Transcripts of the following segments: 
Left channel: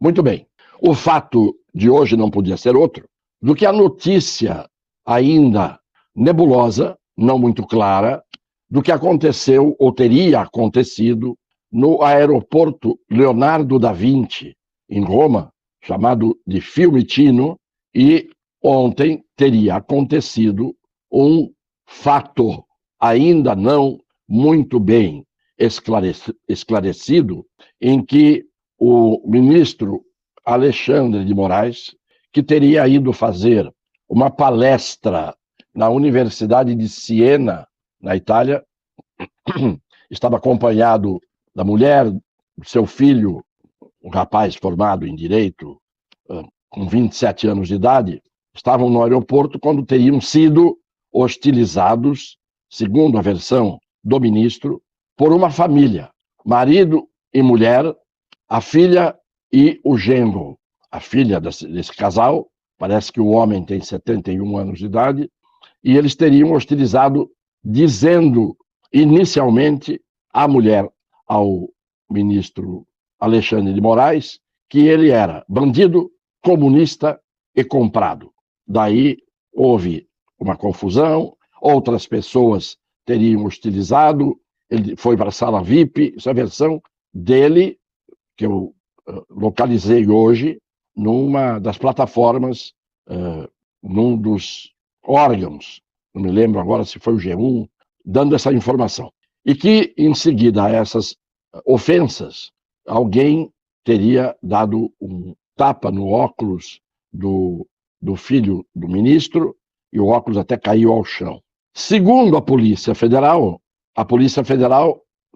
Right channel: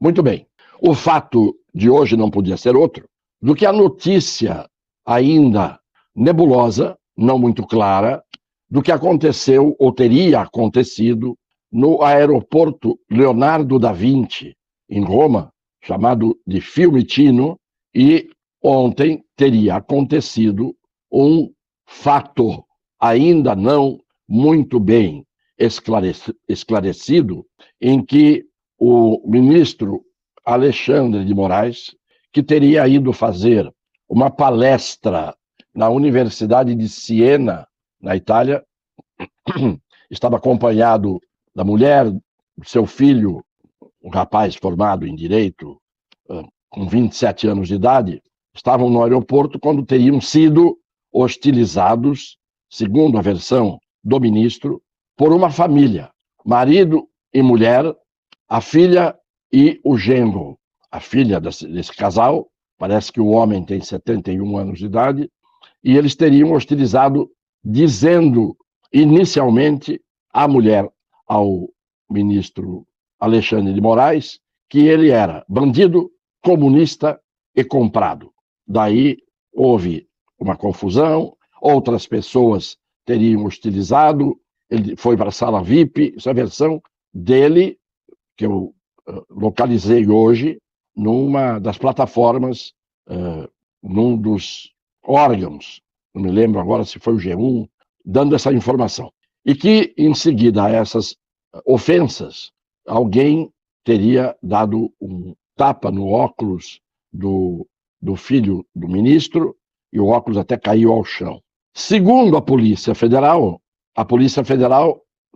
Muito bem. O fato de hoje não podia ser outro do que a notícia ainda nebulosa, não muito clara, do que aconteceu ou teria acontecido no aeroporto Leonardo da Vinci, em Roma, chamado de Fiumicino, e ontem teria acontecido um fato ainda não muito bem esclarecido, em que o ministro Alexandre de Moraes, que teria ido fazer uma palestra na Universidade de Siena, na Itália, estava acompanhado da mulher, do seu filho, um rapaz formado em Direito, com 27 anos de idade, estavam no aeroporto quando teriam sido hostilizados, segundo a versão do ministro, por uma família, marido e mulher, a filha e o genro. A filha desse casal, parece que o homem tem 71 anos de idade, e eles teriam hostilizado, dizendo inicialmente à mulher, ao ministro Alexandre de Moraes, que ele era bandido, comunista e comprado. Daí houve uma confusão, outras pessoas teriam hostilizado, ele foi para a sala VIP, essa é a versão dele, que eu localizei hoje, numa das plataformas, num dos órgãos, não me lembro agora se foi o G1, dando essa informação. E que, em seguida a essas ofensas, alguém teria dado um tapa no óculos do filho do ministro e o óculos até caiu ao chão. Segundo a Polícia Federal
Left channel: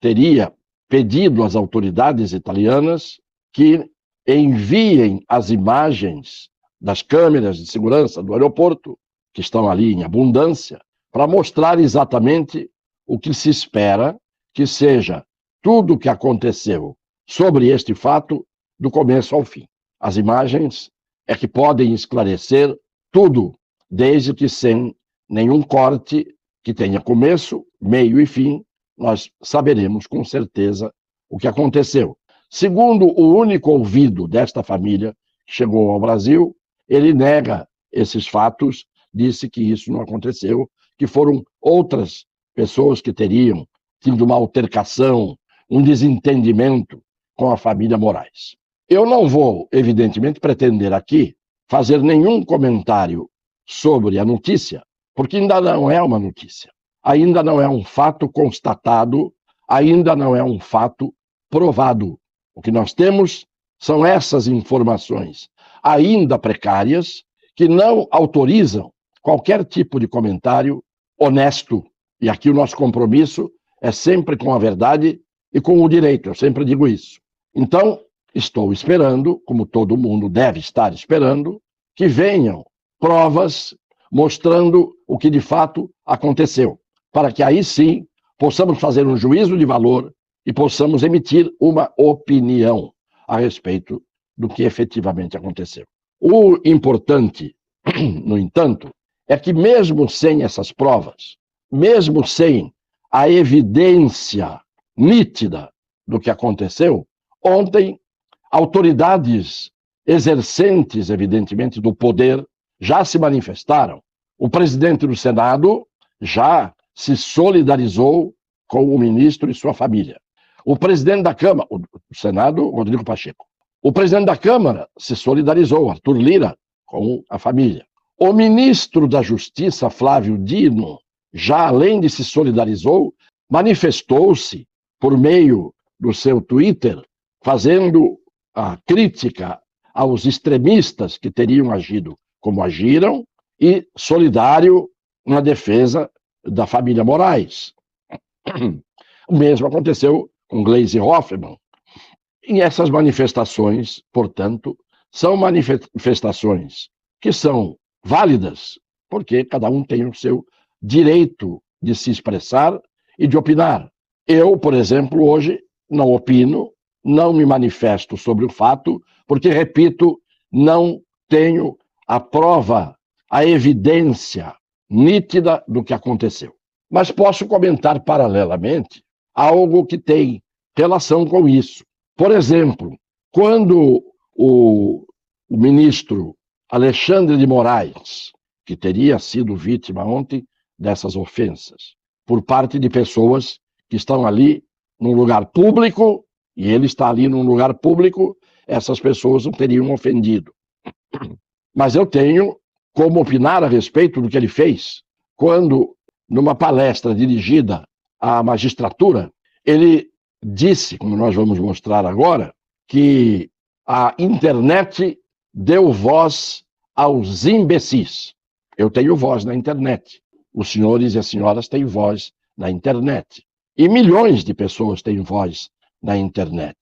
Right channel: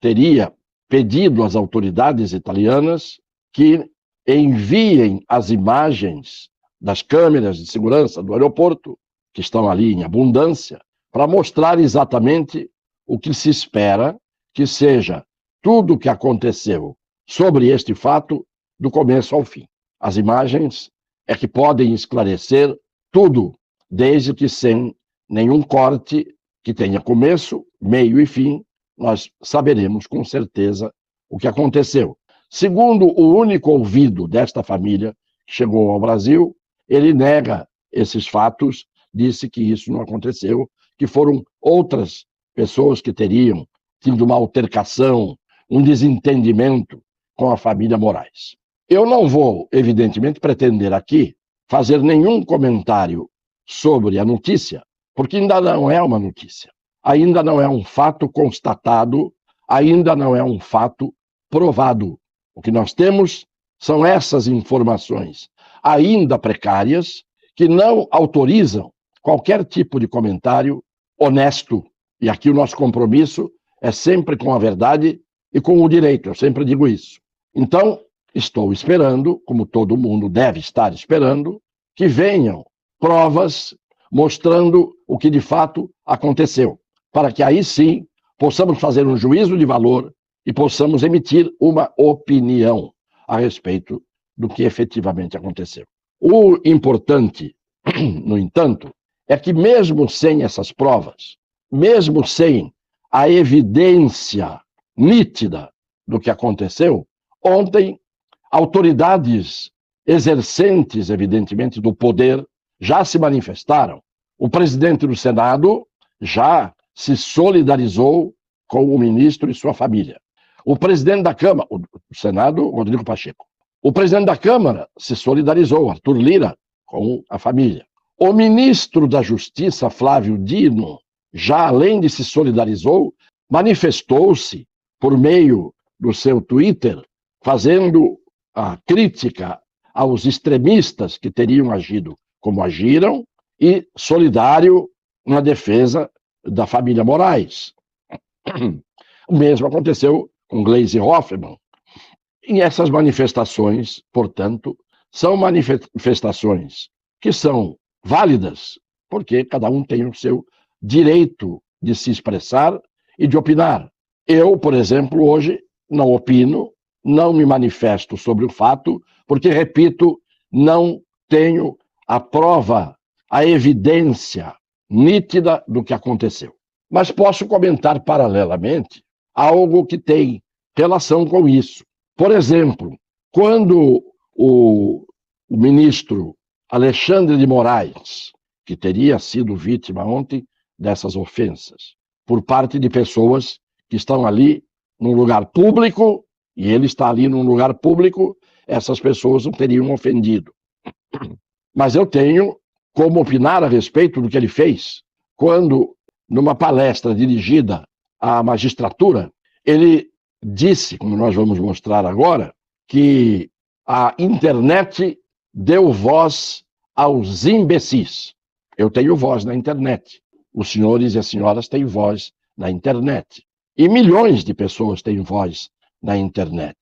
teria pedido às autoridades italianas que enviem as imagens das câmeras de segurança do aeroporto, que estão ali em abundância, para mostrar exatamente o que se espera que seja tudo o que aconteceu sobre este fato, do começo ao fim. As imagens é que podem esclarecer tudo, desde que sem nenhum corte, que tenha começo, meio e fim, nós saberemos com certeza o que aconteceu. Segundo o único ouvido desta família que chegou ao Brasil, ele nega esses fatos, disse que isso não aconteceu, que foram outras pessoas que teriam tido uma altercação, um desentendimento com a família Moraes. Eu não vou, evidentemente, pretender aqui fazer nenhum comentário sobre a notícia, porque ainda não é uma notícia, ainda não é um fato constatado, ainda não é um fato provado. O que nós temos são essas informações ainda precárias que não autorizam qualquer tipo de comentário honesto. E aqui o nosso compromisso é sempre com a verdade e com o direito, eu sempre digo isso. Então, estou esperando, como todo mundo deve estar esperando, que venham provas mostrando o que de fato aconteceu, para que aí sim possamos fazer um juízo de valor e possamos emitir uma opinião a respeito do que efetivamente aconteceu. O importante, no entanto, é que mesmo sem essas provas, mesmo sem a evidência nítida do que aconteceu, ontem autoridades exercentes, evidentemente, do poder já se manifestaram. O presidente do Senado já se solidarizou com o ministro e sua família. O presidente da Câmara, o Senado, Rodrigo Pacheco. O presidente da Câmara se solidarizou, Arthur Lira, com a família. O ministro da Justiça, Flávio Dino, já além de se solidarizou, manifestou-se por meio do seu Twitter, fazendo a crítica aos extremistas que teriam agido como agiram e solidário na defesa da família Moraes. O mesmo aconteceu com Gleisi Hoffmann. E essas manifestações, portanto, são manifestações que são válidas, porque cada um tem o seu direito de se expressar e de opinar. Eu, por exemplo, hoje não opino, não me manifesto sobre o fato, porque, repito, não tenho a prova, a evidência nítida do que aconteceu. Mas posso comentar paralelamente algo que tem relação com isso. Por exemplo, quando o ministro Alexandre de Moraes, que teria sido vítima ontem dessas ofensas, por parte de pessoas que estão ali num lugar público, e ele está ali num lugar público, essas pessoas o teriam ofendido. Mas eu tenho como opinar a respeito do que ele fez, quando, numa palestra dirigida à magistratura, ele disse, como nós vamos mostrar agora, que a internet deu voz aos imbecis. Eu tenho voz na internet. Os senhores e as senhoras têm voz na internet. E milhões de pessoas têm voz na internet.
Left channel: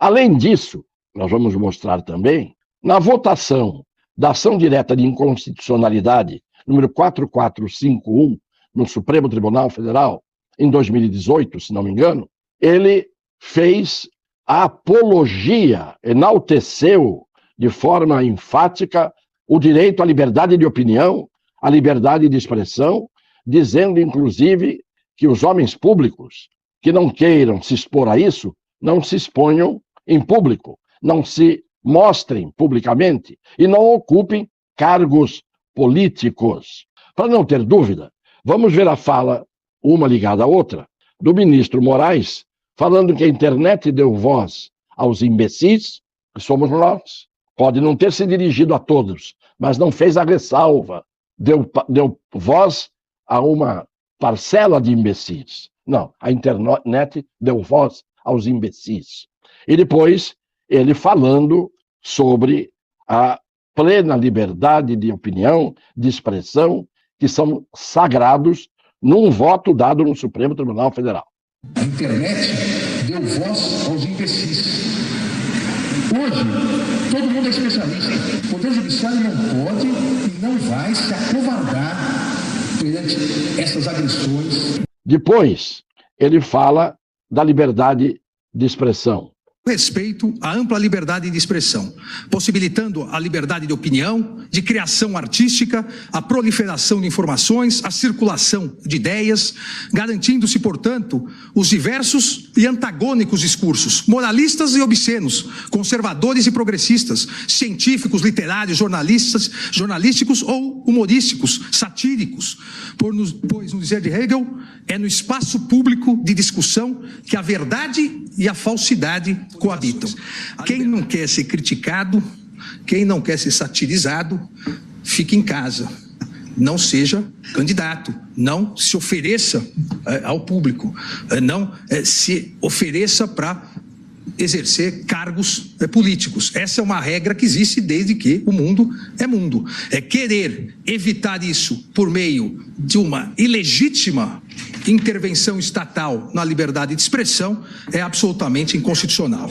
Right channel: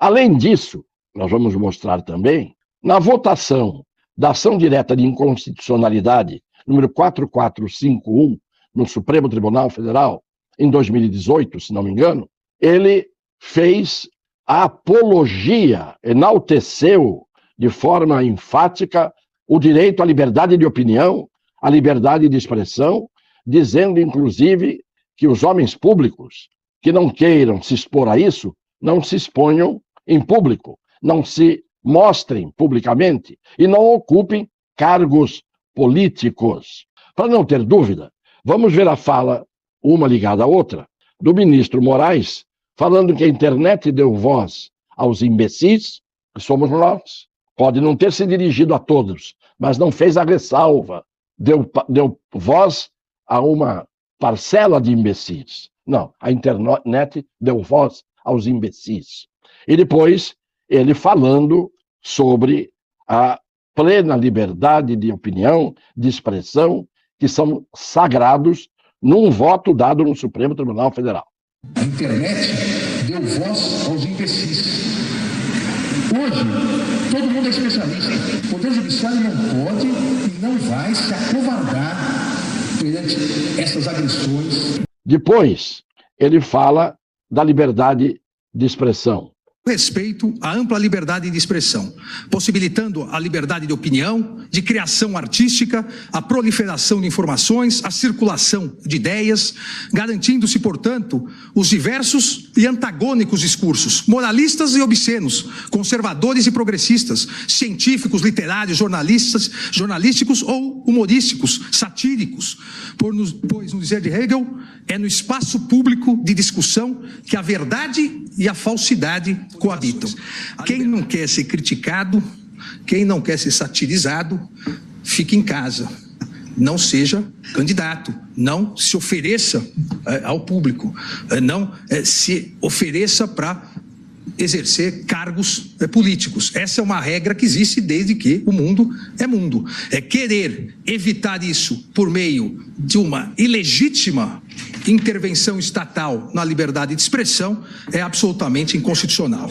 Além disso, nós vamos mostrar também, na votação da ação direta de inconstitucionalidade, número 4451, no Supremo Tribunal Federal, em 2018, se não me engano, ele fez a apologia, enalteceu de forma enfática o direito à liberdade de opinião, à liberdade de expressão, dizendo, inclusive, que os homens públicos que não queiram se expor a isso, não se exponham em público, não se mostrem publicamente e não ocupem cargos políticos. Não tem dúvida. Vamos ver a fala, uma da outra, do ministro Moraes, falando que a internet deu voz aos imbecis, que somos nós. Pode não ter se dirigido a todos, mas não fez a ressalva. Deu voz a uma parcela de imbecis. Não, a internet deu voz aos imbecis. E depois, ele falando sobre a plena liberdade de opinião, de expressão, que são sagrados num voto dado no Supremo Tribunal Federal. A internet deu voz aos imbecis. Hoje, todo mundo é especialista. O Poder Judiciário não pode e não vai se acovardar perante essas agressões. Depois, ele fala da liberdade de expressão. Respeito à ampla liberdade de expressão, possibilitando a liberdade de opinião, de criação artística, a proliferação de informações, a circulação de ideias, garantindo-se, portanto, os diversos e antagônicos discursos, moralistas e obscenos, conservadores e progressistas, científicos, literários, jornalísticos ou humorísticos, satíricos, pois, no dizer de Hegel, é no espaço público de discussão que a verdade e a falsidade coabitam. Quem não quer ser criticado, quem não quer ser satirizado, fique em casa. Não seja candidato, não se ofereça ao público, não se ofereça para exercer cargos políticos. Essa é uma regra que existe desde que o mundo é mundo. Querer evitar isso por meio de uma ilegítima intervenção estatal na liberdade de expressão é absolutamente inconstitucional.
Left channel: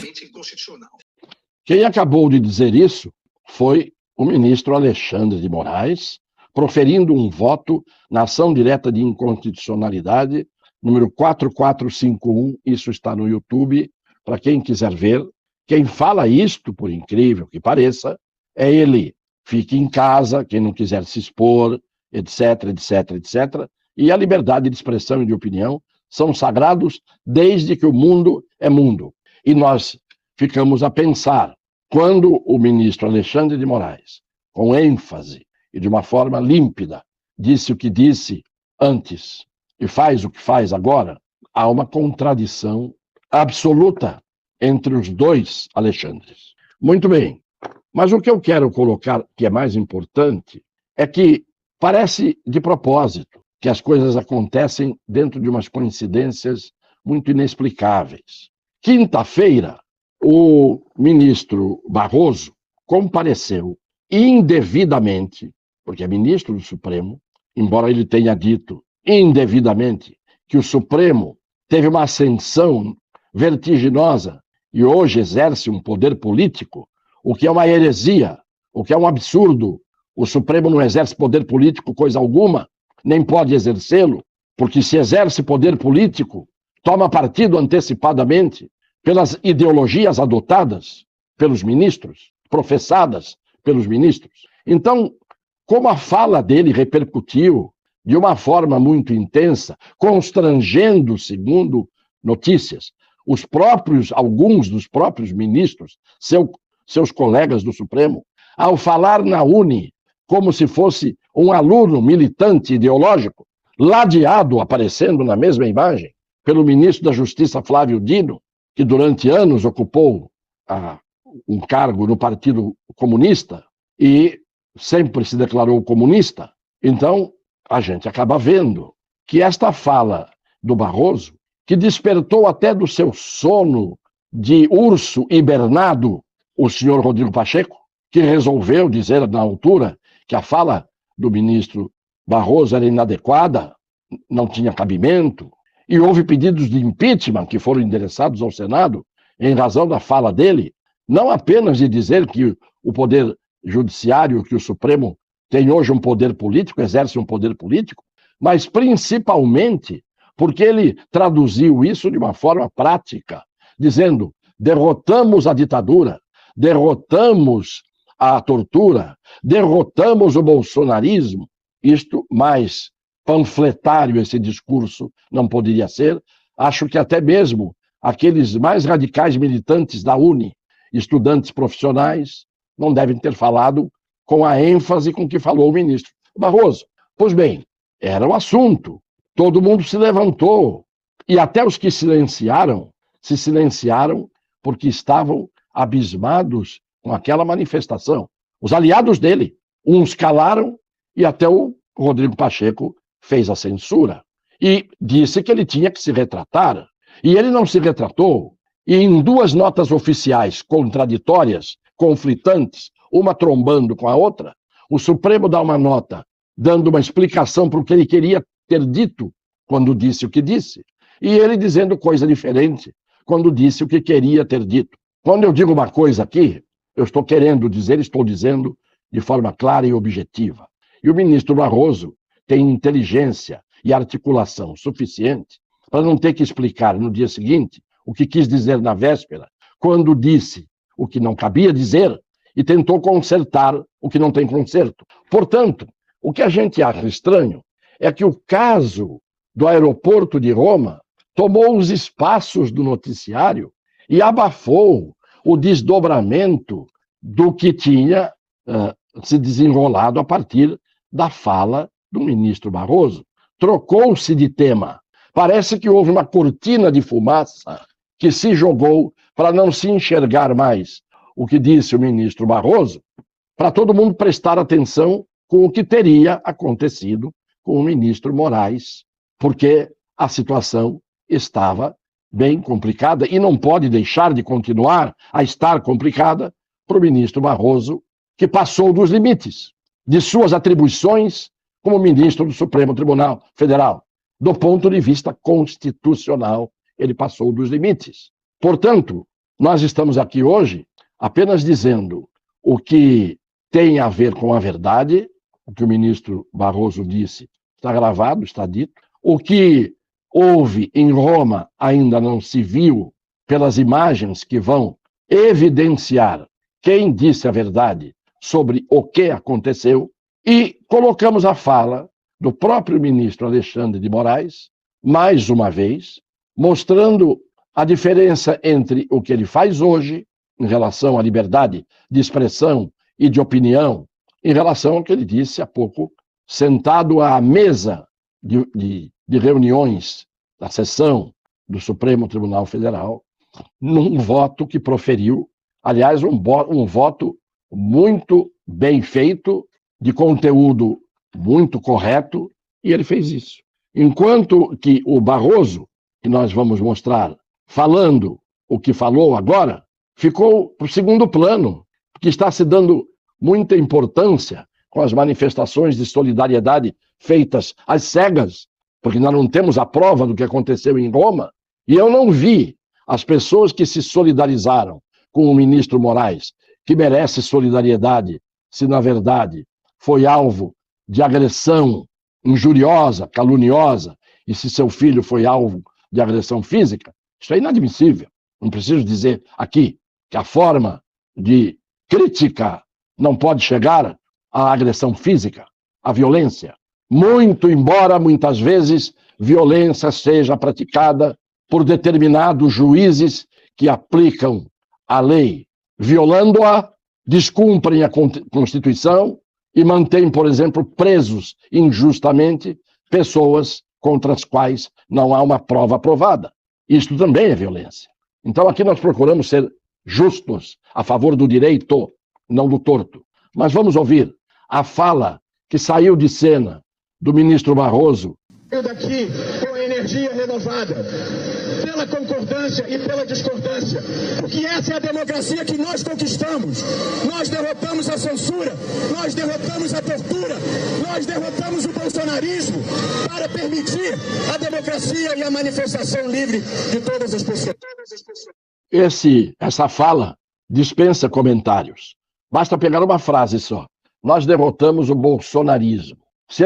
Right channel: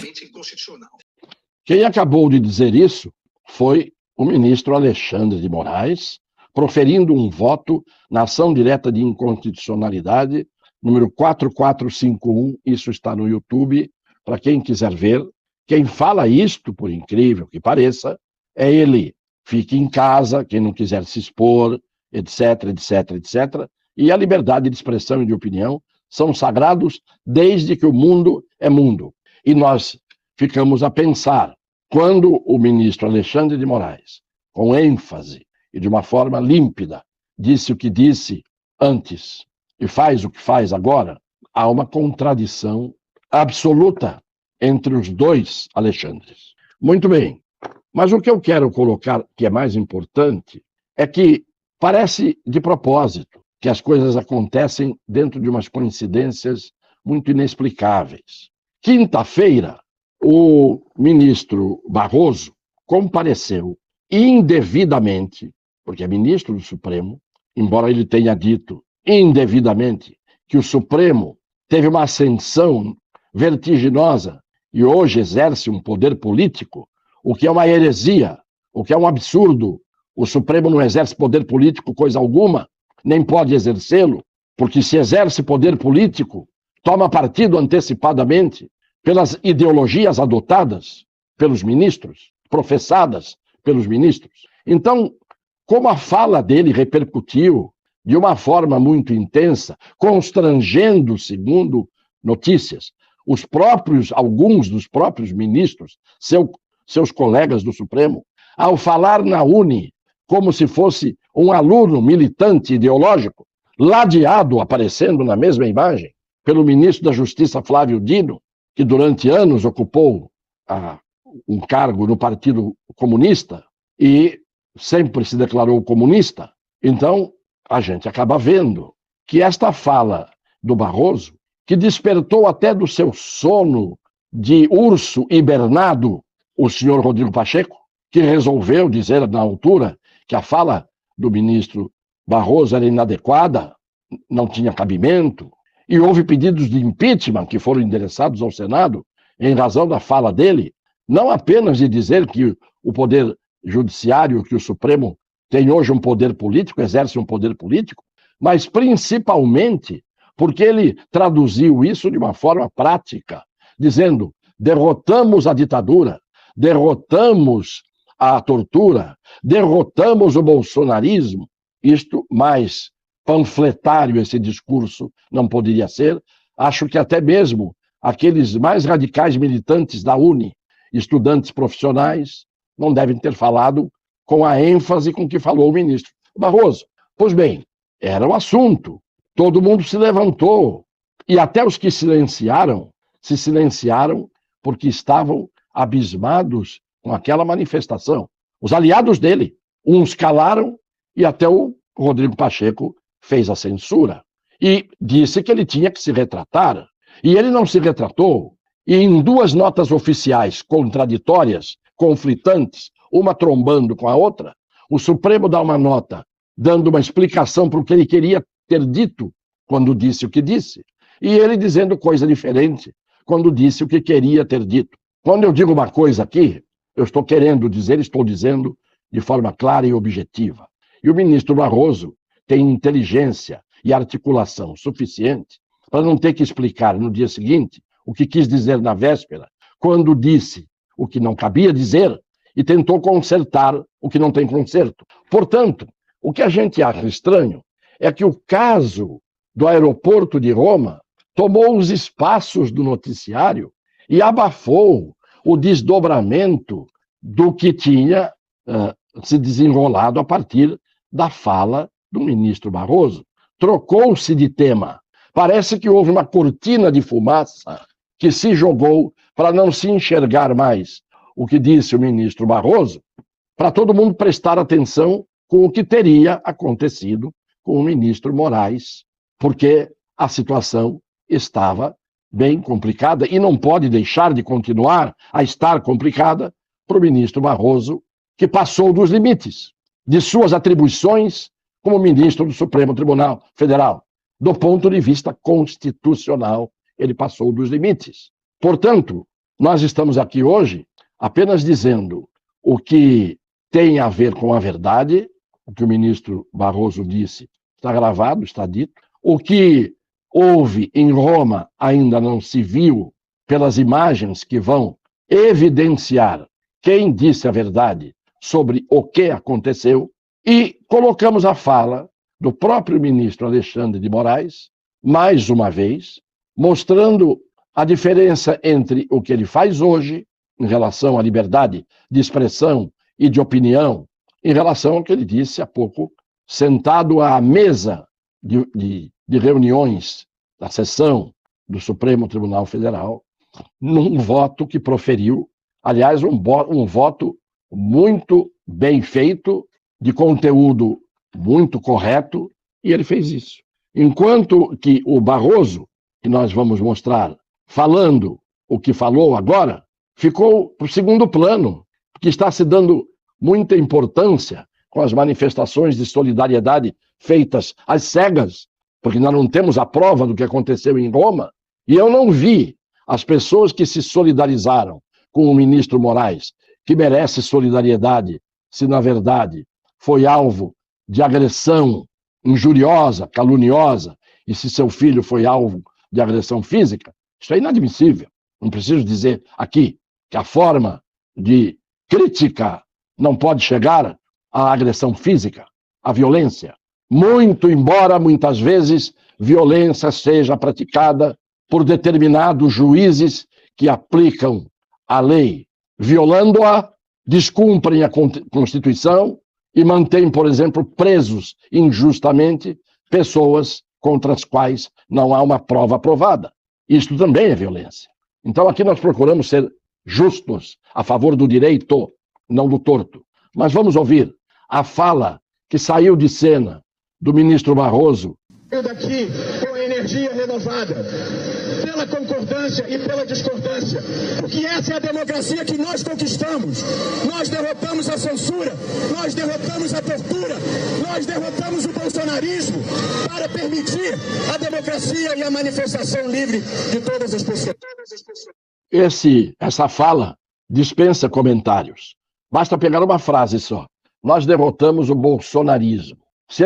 Quem acabou de dizer isso foi o ministro Alexandre de Moraes, proferindo um voto na ação direta de inconstitucionalidade, número 4451, isso está no YouTube, para quem quiser ver. Quem fala isto, por incrível que pareça, é ele. Fique em casa, quem não quiser se expor, etc, etc, etc. E a liberdade de expressão e de opinião são sagrados desde que o mundo é mundo. E nós ficamos a pensar, quando o ministro Alexandre de Moraes, com ênfase e de uma forma límpida, disse o que disse antes e faz o que faz agora, há uma contradição absoluta entre os dois Alexandres. Muito bem, mas o que eu quero colocar, que é mais importante, é que parece de propósito que as coisas acontecem dentro de umas coincidências muito inexplicáveis. Quinta-feira, o ministro Barroso compareceu indevidamente, porque é ministro do Supremo, embora ele tenha dito indevidamente que o Supremo teve uma ascensão vertiginosa e hoje exerce um poder político, o que é uma heresia, o que é um absurdo. O Supremo não exerce poder político coisa alguma, nem pode exercê-lo, porque se exerce poder político, toma partido antecipadamente pelas ideologias adotadas pelos ministros, professadas pelos ministros. Então, como a fala dele repercutiu de uma forma muito intensa, constrangendo, segundo notícias, alguns dos próprios ministros, seu seus colegas do Supremo, ao falar na UNE como se fosse um aluno militante ideológico, ladeado, aparecendo na mesma imagem, pelo ministro da Justiça Flávio Dino, que durante anos ocupou um cargo no Partido Comunista e sempre se declarou comunista. Então, a gente acaba vendo que esta fala do Barroso, que despertou até do seu sono de urso hibernado o senhor Rodrigo Pacheco, que resolveu dizer na altura que a fala do ministro Barroso era inadequada, não tinha cabimento, e houve pedidos de impeachment que foram endereçados ao Senado em razão da fala dele, não apenas de dizer que o poder judiciário, que o Supremo tem hoje um poder político, exerce um poder político, mas principalmente porque ele traduziu isso de uma forma prática, dizendo: derrotamos a ditadura, derrotamos a tortura, derrotamos o bolsonarismo. Isto mais panfletário esse discurso não poderia ser. Acho que até mesmo aqueles mais radicais militantes da UNE, estudantes profissionais, não devem ter falado com a ênfase com que falou o ministro Barroso. Pois bem, era o assunto. Todo mundo se levantou. E até os que se silenciaram porque estavam abismados com aquela manifestação. Os aliados dele, uns calaram e até o Rodrigo Pacheco fez a censura. E disse que ele tinha que se retratar. E ele não se retratou. E em duas notas oficiais contraditórias, conflitantes, uma trombando com a outra, o Supremo dá uma nota dando uma explicação para o que ele queria ter dito quando disse o que disse, e ele dizendo coisa diferente quando disse o que queria ter dito. Quando eu digo uma coisa aqui, eu estou dizendo de forma clara e objetiva. E o ministro Barroso tem inteligência e articulação suficiente para não ter que explicar no dia seguinte o que quis dizer na véspera, quando disse o que não cabia dizer e tentou consertar o que não tem conserto. Portanto, o que a gente acha estranho é que o caso do aeroporto de Roma tomou os espaços do noticiário e abafou o desdobramento do que tinha se desenrolado a partir da fala do ministro Barroso. Trocou-se de tema. Parece que houve uma cortina de fumaça que se jogou para não se enxergar mais o que disse o ministro Barroso, para todo mundo prestar atenção com o que teria acontecido com o ministro Moraes, porque a situação estava bem complicada e não pode deixar de continuar a estar complicada para o ministro Barroso, que passou dos limites de suas atribuições como ministro do Supremo Tribunal Federal. Do ponto de vista constitucional, ele passou dos limites. Portanto, nós estamos aqui hoje apenas dizendo o que tem a ver com a verdade, o que o ministro Barroso disse está gravado, está dito. O que houve em Roma ainda não se viu pelas imagens que vão evidenciar quem disse a verdade sobre o que aconteceu. E colocamos a fala do próprio ministro Alexandre de Moraes, mais uma vez, mostrando a diferença entre o que ele faz hoje, em relação à liberdade de expressão e de opinião, em relação ao que ele disse há pouco, sentado à mesa de reuniões da sessão do Supremo Tribunal Federal, num voto que proferiu, aliás, um voto muito bem feito, de conteúdo muito correto, e ele fez isso. Enquanto que o Barroso, que nós vamos mostrar, falando o que falou agora, ficou para o segundo plano, porque está se dando muita importância com as manifestações de solidariedade feitas às cegas, porque nós não temos a prova do que aconteceu em Roma, e eu não vi as pessoas que se solidarizaram com o ministro Moraes, que merece solidariedade, se na verdade foi alvo de agressão injuriosa, caluniosa, e se seu filho foi alvo de agressão física. Isso é inadmissível. Não preciso dizer aqui que a forma de crítica não pode chegar à agressão física, à violência. Muito embora, muitas vezes, violência seja praticada por determinados juízes que aplicam a lei violando-a, descumprem a Constituição e mantêm, por exemplo, presos injustamente pessoas contra as quais não há uma prova provada. Isto também é violência. Então aqui nós procuramos ser justos, a favor do direito, não do torto. Mas vamos ouvir a fala que saiu de cena do ministro Barroso. Eu daqui com a energia renovada, pela concordância e pela discordância, porque essa é a democracia que nós conquistamos. Nós derrotamos a censura, nós derrotamos a tortura, nós derrotamos o bolsonarismo para permitir a democracia e a manifestação livre de todas as pessoas. Essa fala dispensa comentários. Basta pegar uma frase só. Nós derrotamos o bolsonarismo. Se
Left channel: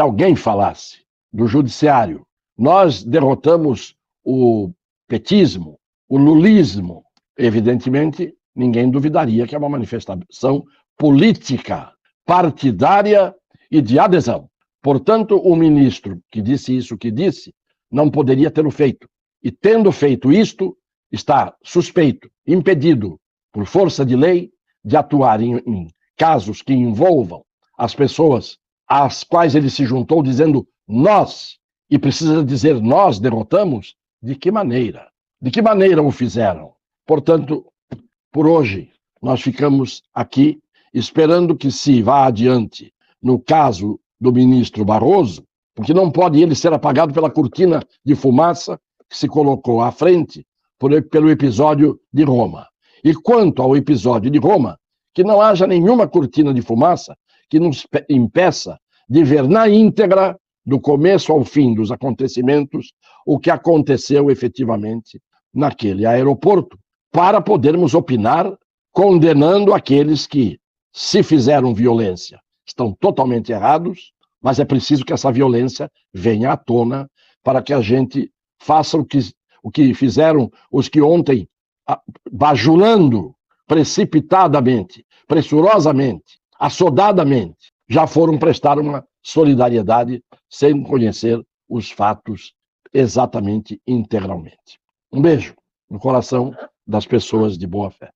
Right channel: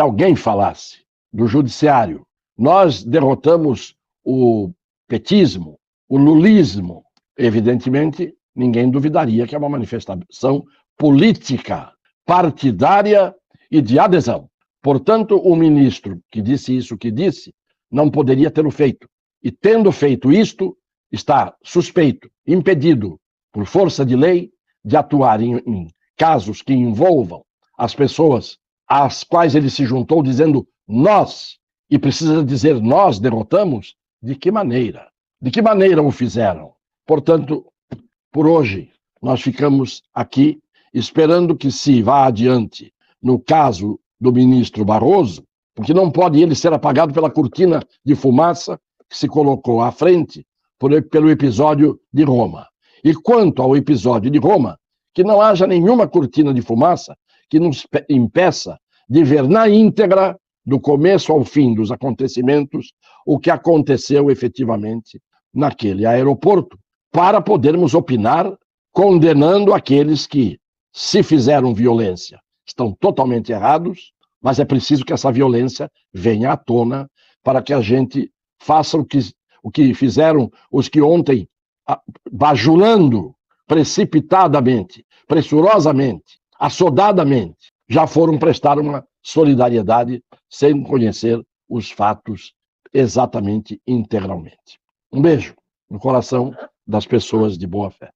alguém falasse do judiciário, nós derrotamos o petismo, o lulismo, evidentemente, ninguém duvidaria que é uma manifestação política, partidária e de adesão. Portanto, o ministro que disse isso que disse, não poderia tê-lo feito. E tendo feito isto, está suspeito, impedido, por força de lei, de atuar em casos que envolvam as pessoas às quais ele se juntou dizendo nós, e precisa dizer nós derrotamos, de que maneira? De que maneira o fizeram? Portanto, por hoje, nós ficamos aqui esperando que se vá adiante no caso do ministro Barroso, porque não pode ele ser apagado pela cortina de fumaça que se colocou à frente pelo episódio de Roma. E quanto ao episódio de Roma, que não haja nenhuma cortina de fumaça que nos impeça de ver na íntegra, do começo ao fim dos acontecimentos, o que aconteceu efetivamente naquele aeroporto, para podermos opinar condenando aqueles que, se fizeram violência, estão totalmente errados, mas é preciso que essa violência venha à tona para que a gente faça o que fizeram os que ontem, bajulando precipitadamente, pressurosamente, assodadamente, já foram prestar uma solidariedade sem conhecer os fatos exatamente integralmente. Um beijo no coração das pessoas de boa fé.